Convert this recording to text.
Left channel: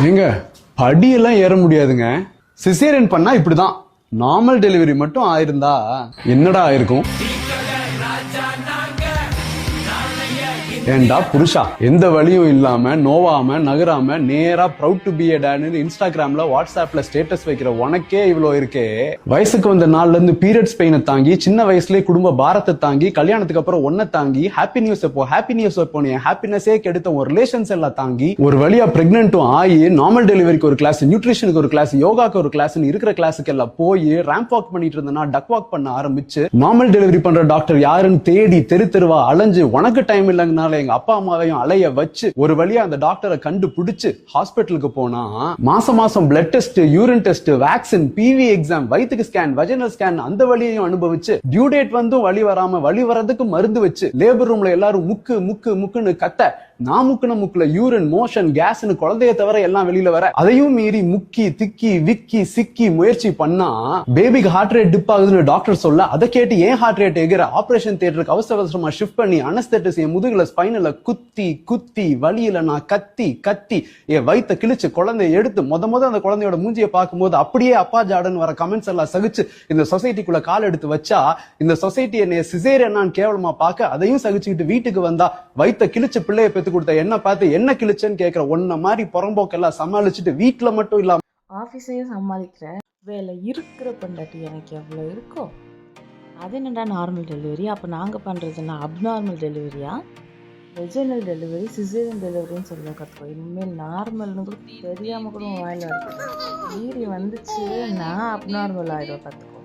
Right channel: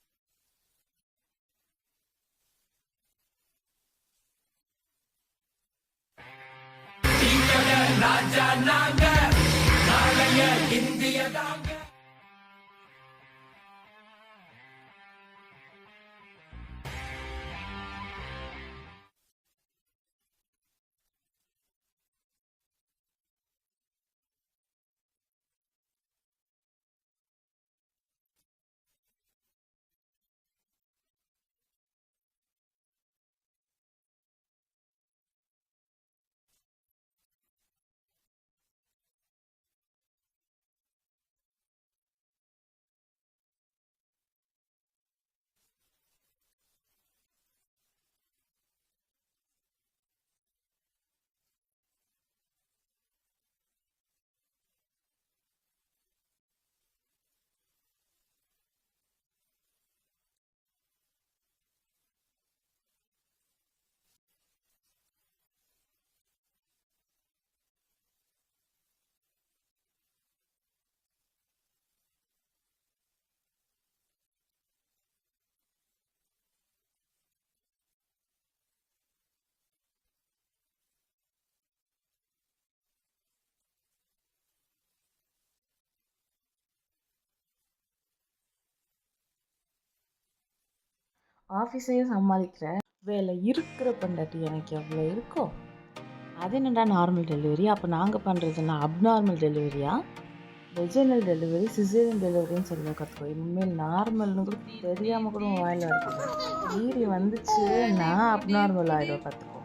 ஏங்க படியெல்லாம் ஏற முடியாதுங்க. சிசேரியன் பண்ணா இப்படிதான். நார்மல் டெலிவரி மட்டும் ஆயிருந்தா என்னடா ஆயிருக்கும்? ஏண்டா புருஷா, எந்த வழியும் இல்லாம நோவாம நகராம நேரா ப்ரௌட் டு பி எ டாட்னு இன்ஸ்டாகிராம்ல வாட்ஸ்அப்ல ஸ்டேட்டஸ் வைக்கிற உனக்கே இவ்வளோ இருக்கே. வயசுக்கு வந்த நாள்ல இருந்து பீரியட்ஸ் பெயினை தாங்கி, சின்ன வயசுலயே குடும்ப பாரத்தை தாங்கி, கல்யாணத்துக்கு அப்புறம் ஒன்ன தாங்கி, ஹாப்பி நியூஸ் எப்போ நீ ஹாப்பினஸே கெடுத்த ஒரு ரிலேஷன்ஸ் எல்லாம் தாங்கி, ஒரு வழியா பிரெக்னென்ட்டும் ஆகி, நார்மல் டெலிவரிக்கு ஒரு கிளாஸ், நியூட்ரிஷனுக்கு ஒரு கிளாஸ், யோகாக்கு ஒரு கிளாஸ், இருக்கிற கிளாஸுக்கு எல்லாம் போய் ரேம்ப் வாக் பண்ணிட்டு இருந்தனா டக் வாக் பண்ண ஆரம்பிச்சு, நார்மல் டெலிவரி பண்ற டாக்டர் யாருன்னு தேடி தெரு தெருவா அலைஞ்சு, உனக்கு டைம் இல்லைங்கனால எங்க அப்பா அம்மாவையும் அலைய வச்சு ஒரு வழியா அந்த டாக்டரை கண்டுபிடிச்சு ஹாஸ்பிட்டலுக்கு போனா மாசம் மாசம் blood test, urine test, vaccine, PV exam, வயிற்றுக்கு ஸ்கேன், வஜினல் ஸ்கேன், அந்த வழியையும் அனுபவிச்சு டியூ டேட் வந்து வழி வராம வழி வரதுக்கு மருந்து வச்சு லேபர் ரூம்ல எல்லாரும் முக்கு முக்கு முக்குன்னு கத்த, நான் முக்குன முக்குல யூரின், மோஷன், கேஸ்னு குழந்தைய தவிர எல்லாம் வெளியில வர, அதையும் மீறி முக்கி திக்கி விக்கி சிக்கி முயற்சி பண்ணா பேபிக்கு ஹார்ட் ரேட் டிப் ஆகுதுன்னு டாக்டர் சொல்ல, அதை கேட்டு ஏன் ஹார்ட் ரேட் எகிற ஆபரேஷன் தியேட்டருக்கு அவசர அவசரமா ஷிஃப்ட் பண்ணி அனஸ்தெட்டிஸ் என் முதுகுல ஸ்பைனல குத்தி குத்தி வலியில நான் கத்தி கத்தி என் வயித்தை கிழிச்சு குழந்தைய எடுத்து முத அந்த குழந்தையோட மூஞ்சியை பார்க்கும்போது அப்படியே அப்பா ஜாடன் வர கமெண்ட்ஸ் எல்லாம் சகிச்சு இந்த சொசைட்டிக்குள்ள கால் எடுத்து வச்சா, இந்த சொசைட்டி என்னைய சிசேரியன் கேவலமா பார்க்க அதையும் சகிச்சுக்கிட்டு வீட்டுக்கு வந்தா வயித்தை கிழிச்சு பிள்ளைய பெத்து கொடுத்த என்ன பார்த்து என்ன கிழிச்சேன்னு கேட்கிற ஒன்ன மாதிரி புறம்போக்கெல்லாம் சமாளிச்சுட்டு வீட்டுல மட்டும் இல்லாம ஆஃபீஸையும் சமாளிக்கிற வேலை இருக்கிற பொண்டாட்டி எனக்கு எவ்வளோ இருக்கும். அது என்னடா நார்மல் டெலிவரி? அப்போ நாங்கள் பண்ணுறதுன்னா அப்நார்மல் டெலிவரியா? வெஜினல் டெலிவரி, சிசேரியன் டெலிவரின்னு சொல்ல கற்றுக்கோ. இனிமேல் நார்மல்னு கூட தெரியாமல் கூட வாயில் இருக்குது. மீறி வந்துச்சு நான் அப்நார்மல் ஆகிடும், பார்த்துக்கோ.